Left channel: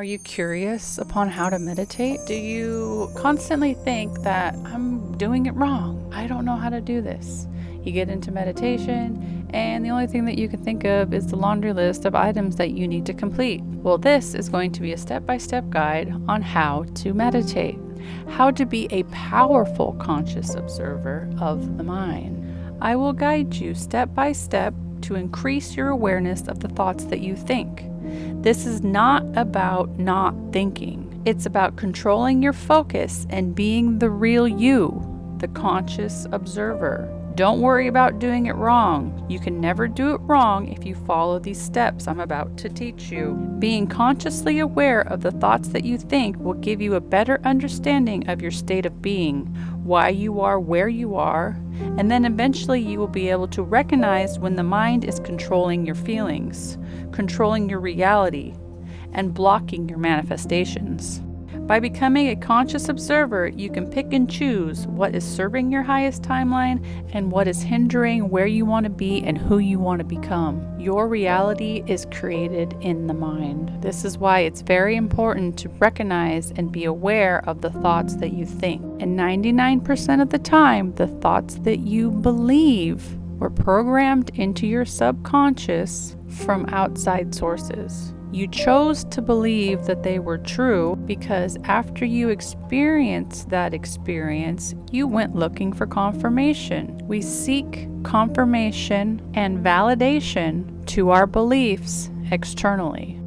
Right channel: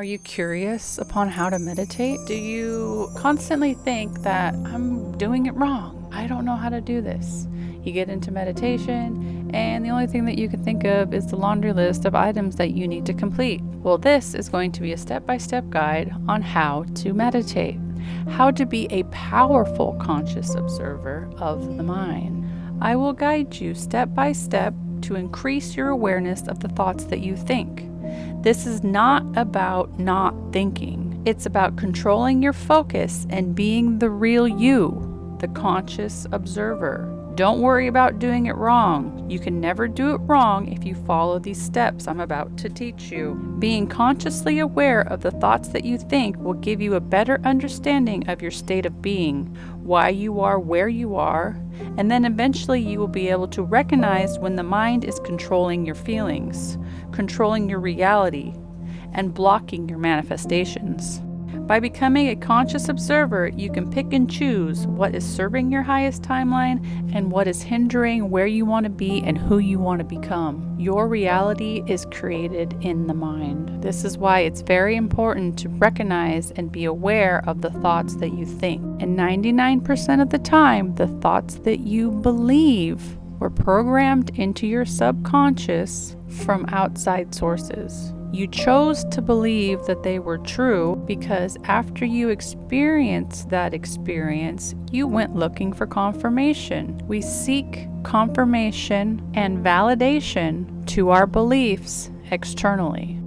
Are you curious upon how to meditate? Do you constantly think that I'm doing it wrong? I don't know how to do this. You get into meditation, and the only thing that you can think of is the laundry list of items that you need to complete. Well, this is going to be a step-by-step guide on how to meditate, how to be a powerful conscious observer of the mind. I will guide you step by step to increase your awareness of the thoughts that you think. This is not about not thinking. It's about controlling your focus and being the real you, the conscious observer. Don't worry about doing it wrong. You can never do it wrong if you follow these steps I'm about to teach you. Being consciously aware of the thoughts that you think will give you a better understanding of your state of being, why you are where you are, and then eventually you will be able to recognize when the mind is controlling your feelings, controlling your reality, and blocking your manifestations. By becoming a conscious observer, you can pick and choose what is serving your highest timeline and what is hindering where you want to be and who you want to become. Your reality is created in the mind. This is why it's very important to recognize and be aware of the thoughts that you think. And 99% of the time, the thoughts that you believe were programmed into your subconscious from outside sources. You chose to believe that they were true because after you experienced that experience, you went looking for confirmation. We seek confirmation and validation to our beliefs externally.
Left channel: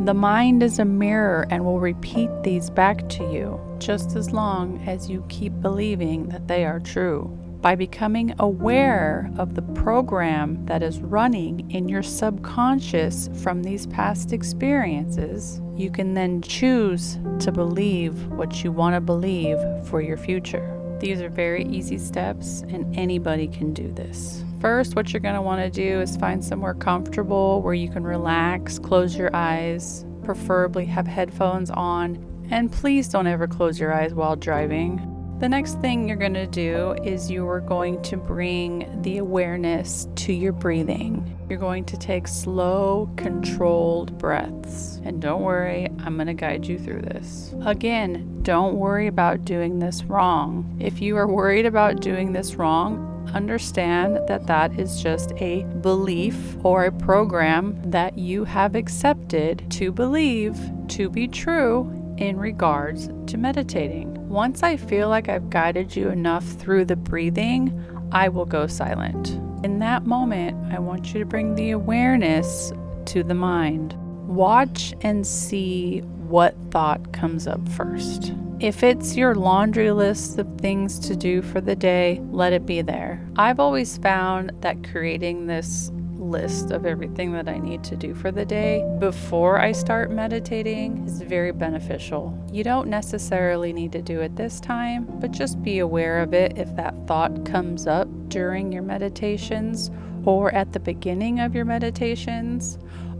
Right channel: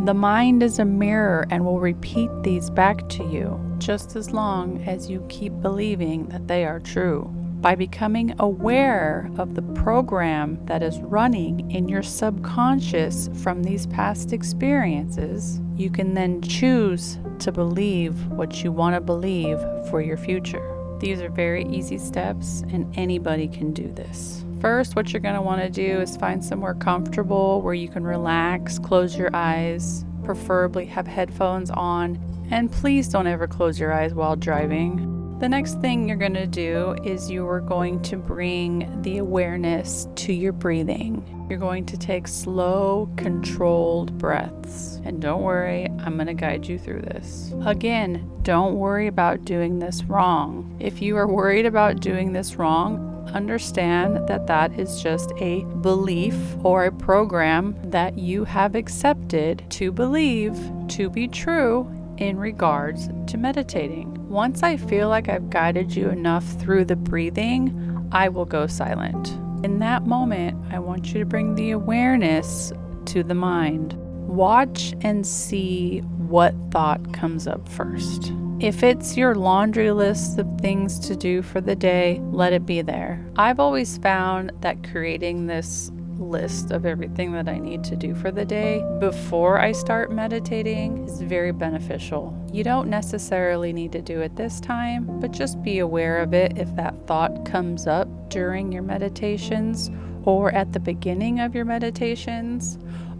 The mind is a mirror and will repeat these back to you just as long as you keep believing that they are true. By becoming aware of the program that is running in your subconscious from these past experiences, you can then choose to believe what you want to believe for your future. These are very easy steps, and anybody can do this. First, what you're going to want to do is find somewhere comfortable where you can relax, close your eyes, preferably have headphones on, and please don't ever close your eyes while driving. The next thing you're going to do is you are going to bring the awareness to your breathing. You're going to take slow, controlled breaths. And don't worry, I'm going to guide you through this. Again, don't worry about doing this wrong. If you are worried about doing this wrong, understand that that is just a belief or a program that you have accepted to believe to be true in regards to meditating. Once I feel like I've guided you enough through the breathing, I will go silent. In that moment, I want you to bring the awareness to the mind. Watch and see what thought comes up first. If it's your laundry list of things to do for the day, let it be there. I've always found that creating this list of everything that I need to do for the day before I start meditating is very beneficial. You don't necessarily need to do it this time, but just be aware of it if that thought comes up during your meditations or at the beginning of your meditations.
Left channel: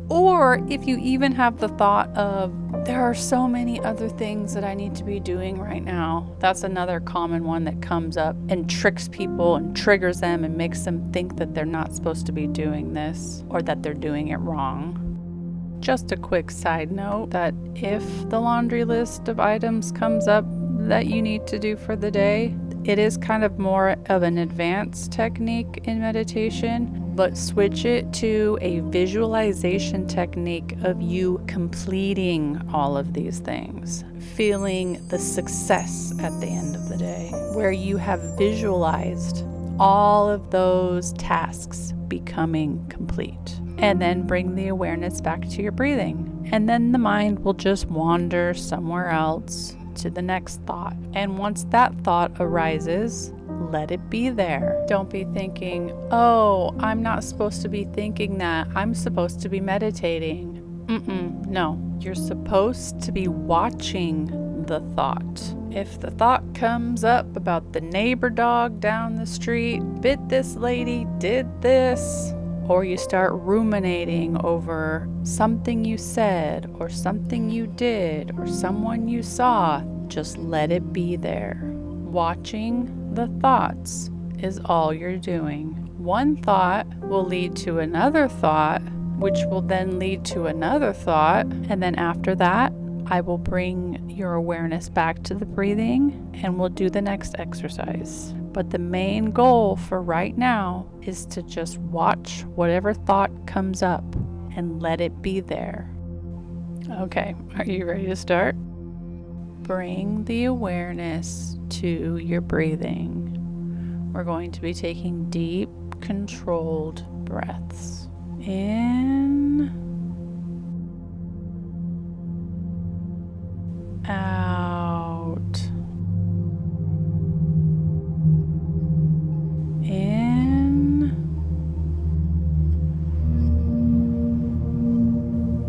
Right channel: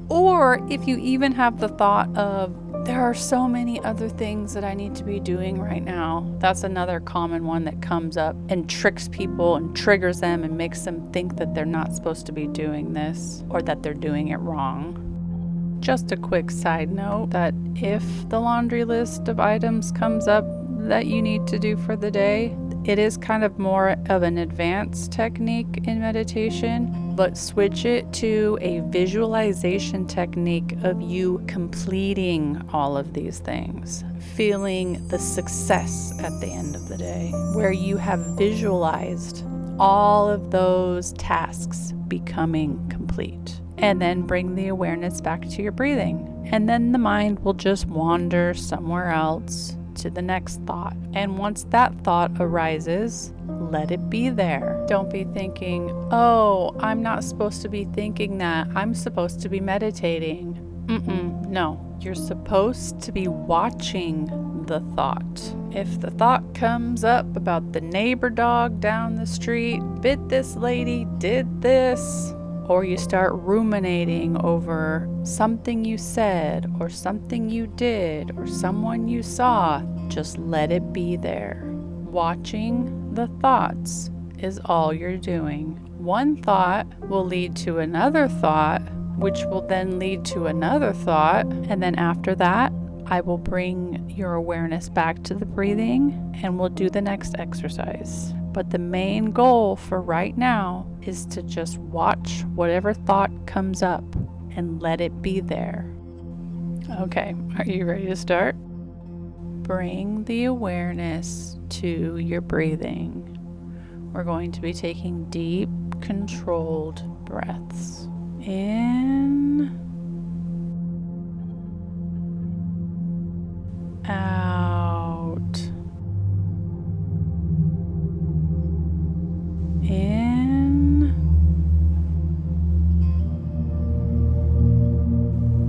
Or if you even have the thought of, there are so many other things that I need to be doing right now. That's another common one that comes up and tricks people and triggers them and makes them think that they're not supposed to be doing this or that they're doing it wrong. Just a quick side note that if the laundry list of items comes up that you need to do for the day, it is kind of more of an advanced technique in meditation, but switch it to a visualization technique of you completing all of these things, feeling the success at the end of the day, where you have visualized all of those tasks becoming complete. And then bring the awareness back to your breathing. And then the mind will just wander somewhere else to the next thought. And once that thought arises, let it be there. Don't be thinking, oh, I'm not supposed to be thinking that. I'm supposed to be meditating. No, you're supposed to be watching the thought. If the thought comes up about the neighbor dog down the street, bit this lady, did this, or you start ruminating over something you said or something you did or someone you saw, just let it be there. Watching the thoughts is all you're doing. One thought will lead to another thought, which will then lead to another thought, and then after that, I will bring your awareness back to the breathing and we'll do the next exercise. But the main goal for right now is to just watch whatever thought comes up and let it be there. Okay, are you ready to start? Bring the awareness to your breathing. We're going to be taking deep, controlled breaths. In, out, in,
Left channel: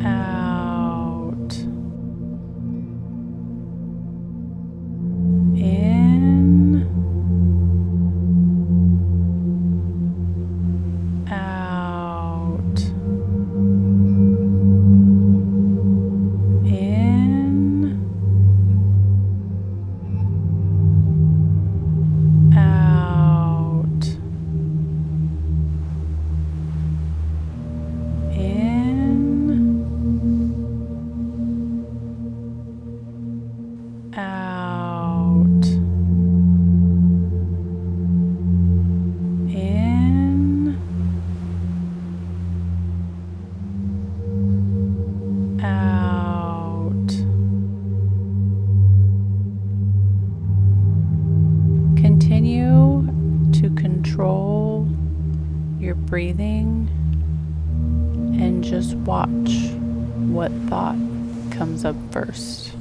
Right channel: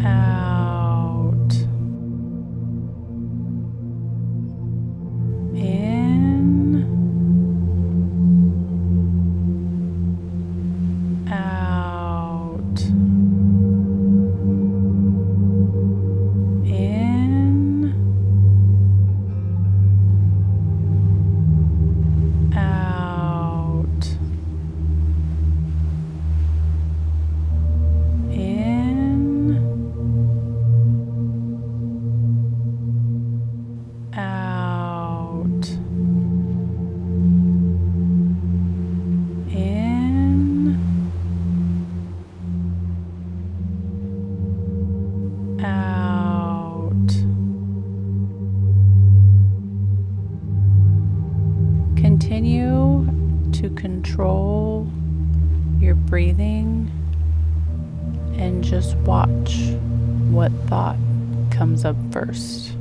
out, in, out, in, out, in, out, in, out. Continue to control your breathing and just watch what thought comes up first.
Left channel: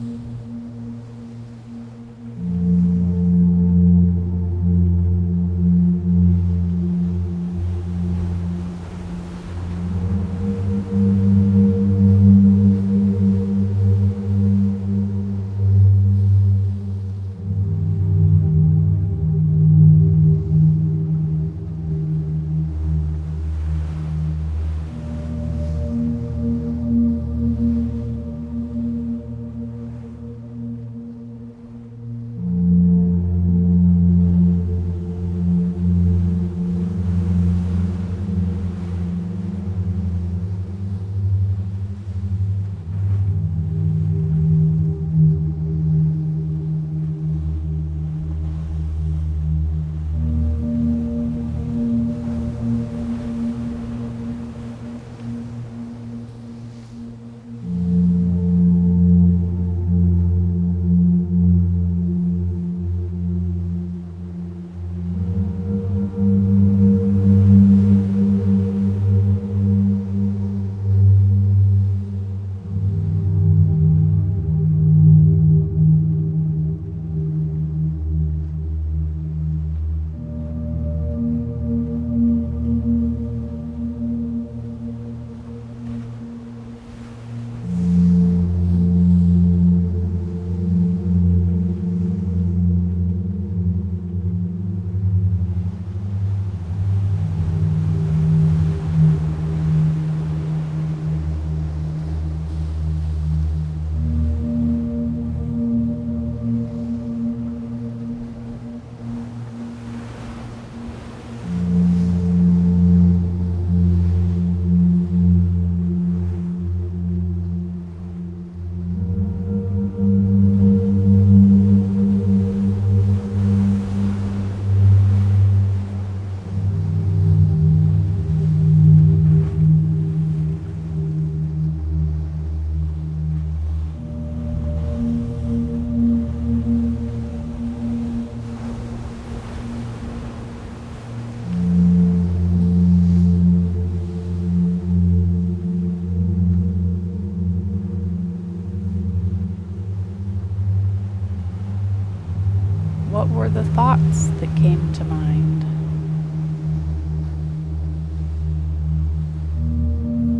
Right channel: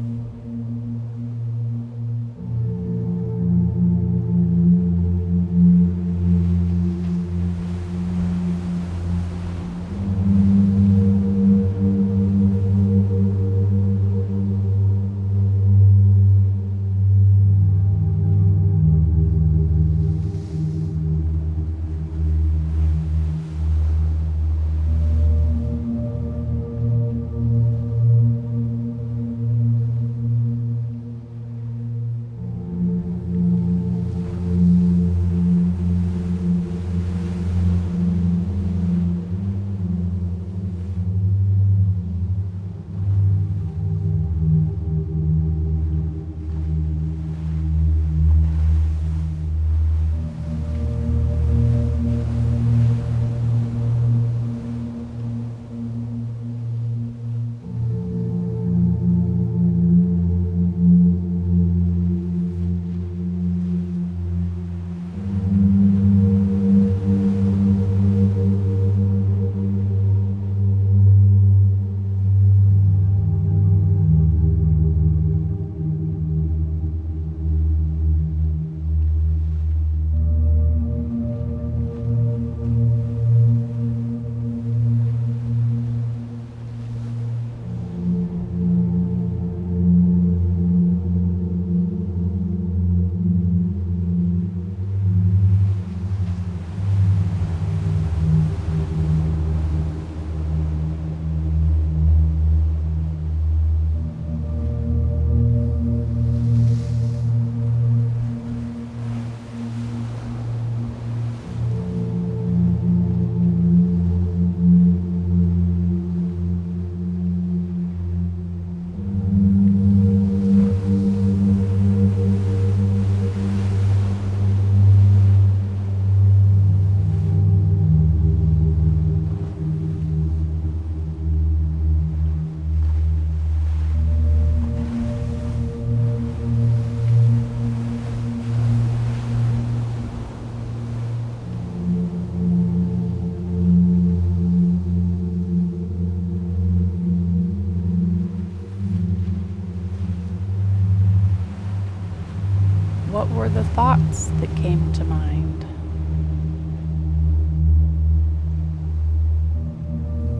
What were the thoughts that came to mind?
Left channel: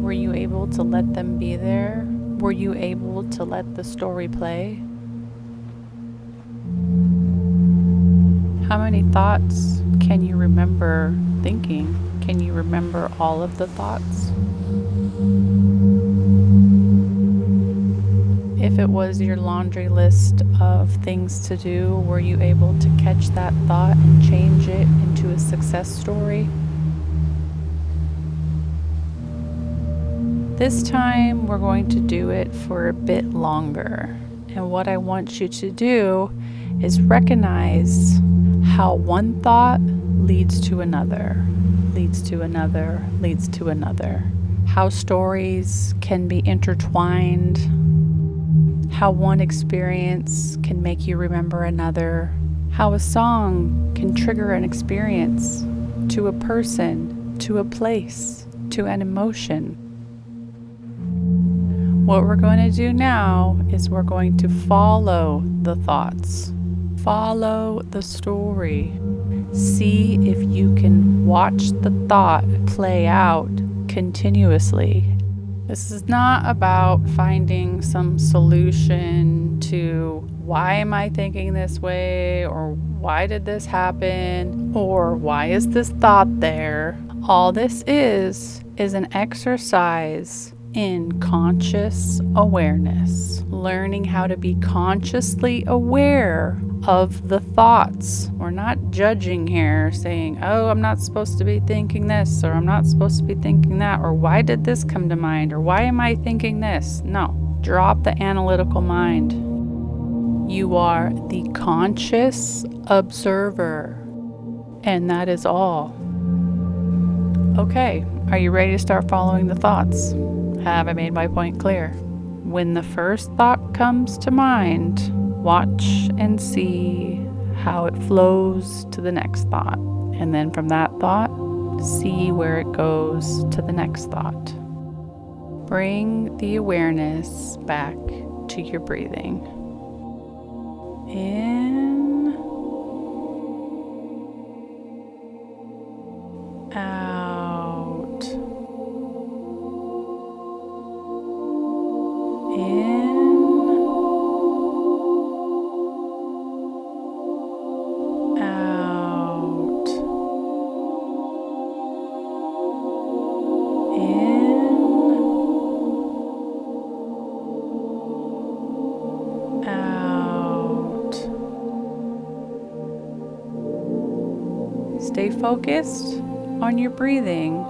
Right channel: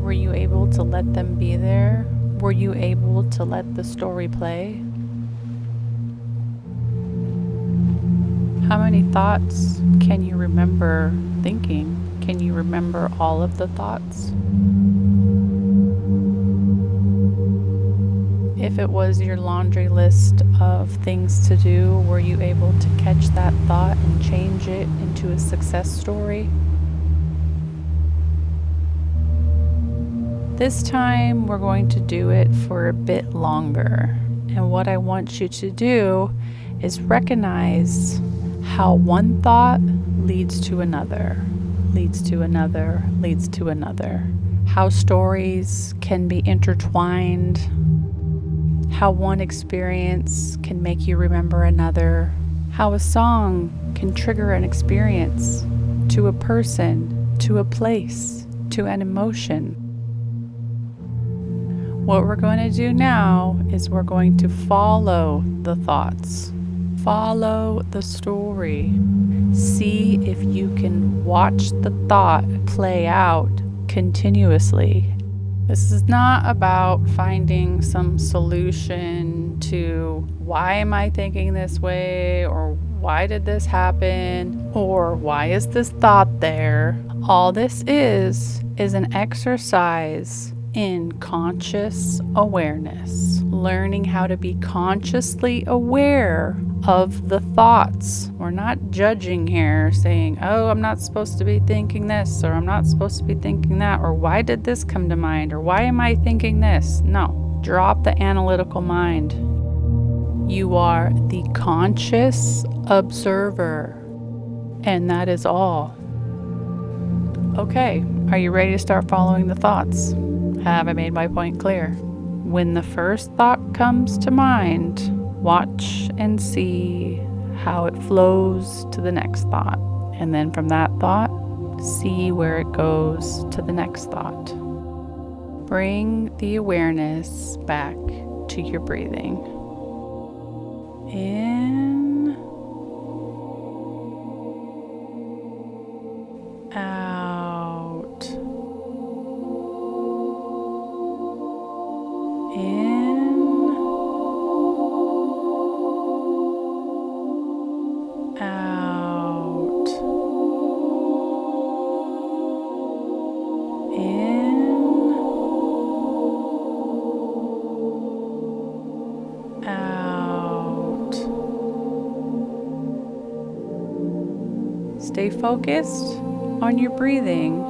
Were you able to let them be there? Were you able to let the story play? How many thoughts can you remember thinking? Can you remember all of the thoughts? If it was your laundry list of things to do, were you able to catch that thought and change it into a success story? This time we're going to do it for a bit longer. And what I want you to do is recognize how one thought leads to another, leads to another, leads to another. How stories can be intertwined, how one experience can make you remember another, how a song can trigger an experience to a person, to a place, to an emotion. What we're going to do now is we're going to follow the thoughts, follow the story. See if you can watch the thought play out continuously. This is not about finding some solution to why am I thinking this way, or why did this happen, or why is this thought there. All this is an exercise in conscious awareness, learning how to be consciously aware of the thoughts. We're not judging here, saying, oh, I'm not supposed to be thinking this, or I'm not supposed to be thinking that, or why did this come to mind, or why am I thinking this? No, drop the analytical mind. You are the conscious observer, and that is all. Okay, are you ready to start following the thoughts? Have I made my point clear? When the first thought comes to mind, watch and see how it flows to the next thought. And then from that thought, see where it goes to the next thought. Bring the awareness back to your breathing. In, out. In, out. In, out. Stay focused on your breathing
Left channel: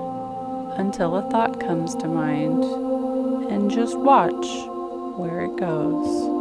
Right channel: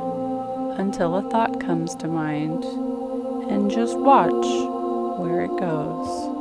until a thought comes to mind, and just watch where it goes.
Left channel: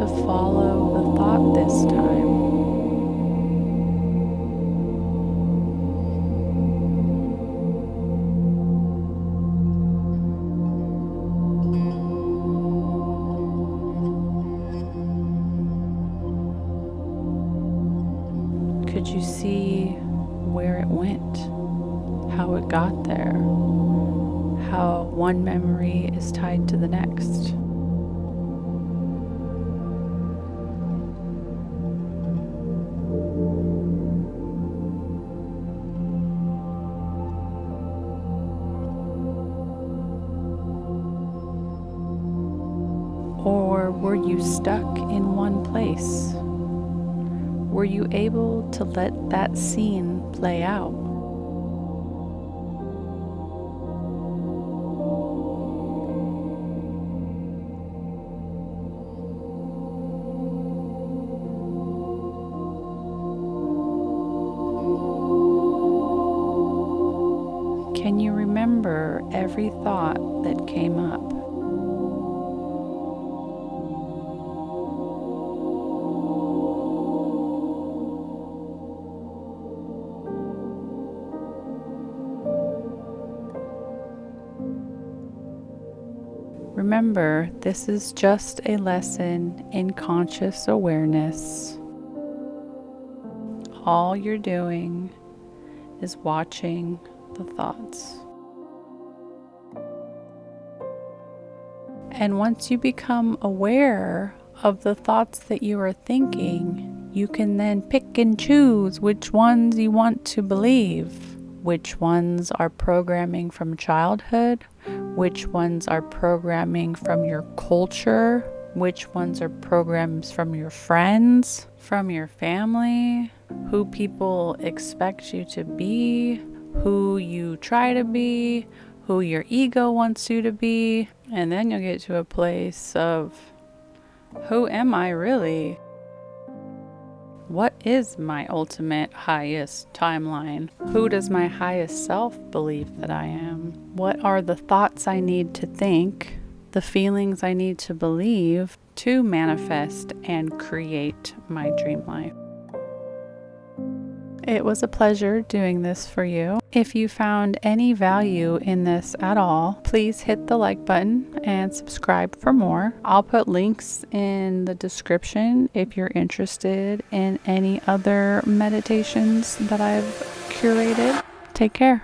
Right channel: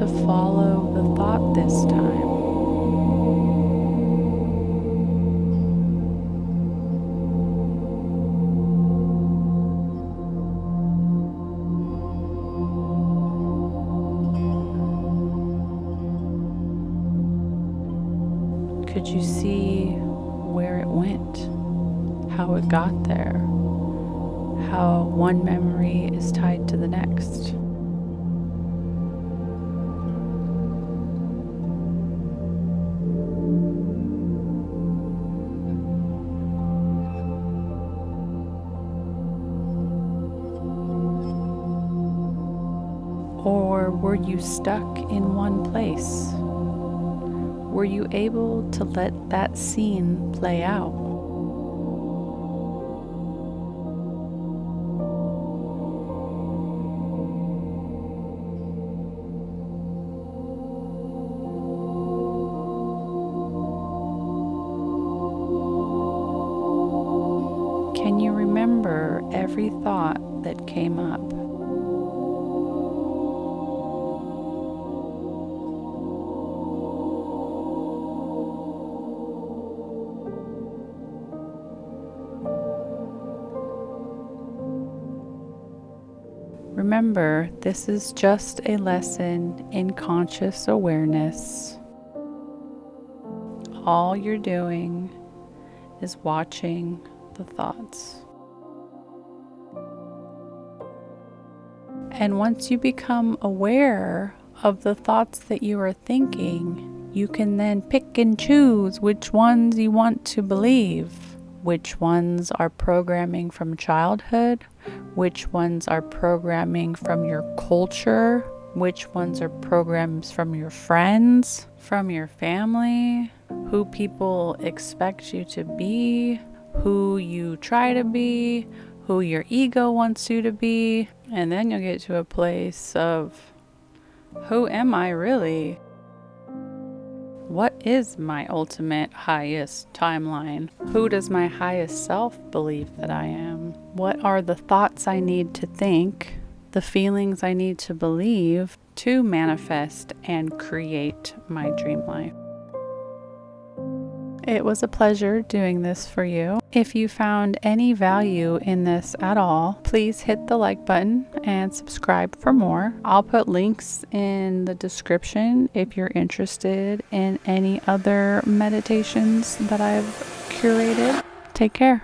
to follow the thought this time. Could you see where it went? How it got there? How one memory is tied to the next? Or were you stuck in one place? Were you able to let that scene play out? Can you remember every thought that came up? Remember, this is just a lesson in conscious awareness. All you're doing is watching the thoughts. And once you become aware of the thoughts that you are thinking, you can then pick and choose which ones you want to believe, which ones are programming from childhood, which ones are programming from your culture, which ones are programs from your friends, from your family, who people expect you to be, who you try to be, who your ego wants you to be. And then you'll get to a place of, who am I really? What is my ultimate highest timeline? Who does my highest self believe that I am? What are the thoughts I need to think, the feelings I need to believe to manifest and create my dream life? It was a pleasure doing this for you. If you found any value in this at all, please hit the like button and subscribe for more. I'll put links in the description if you're interested in any other meditations that I've curated. Take care.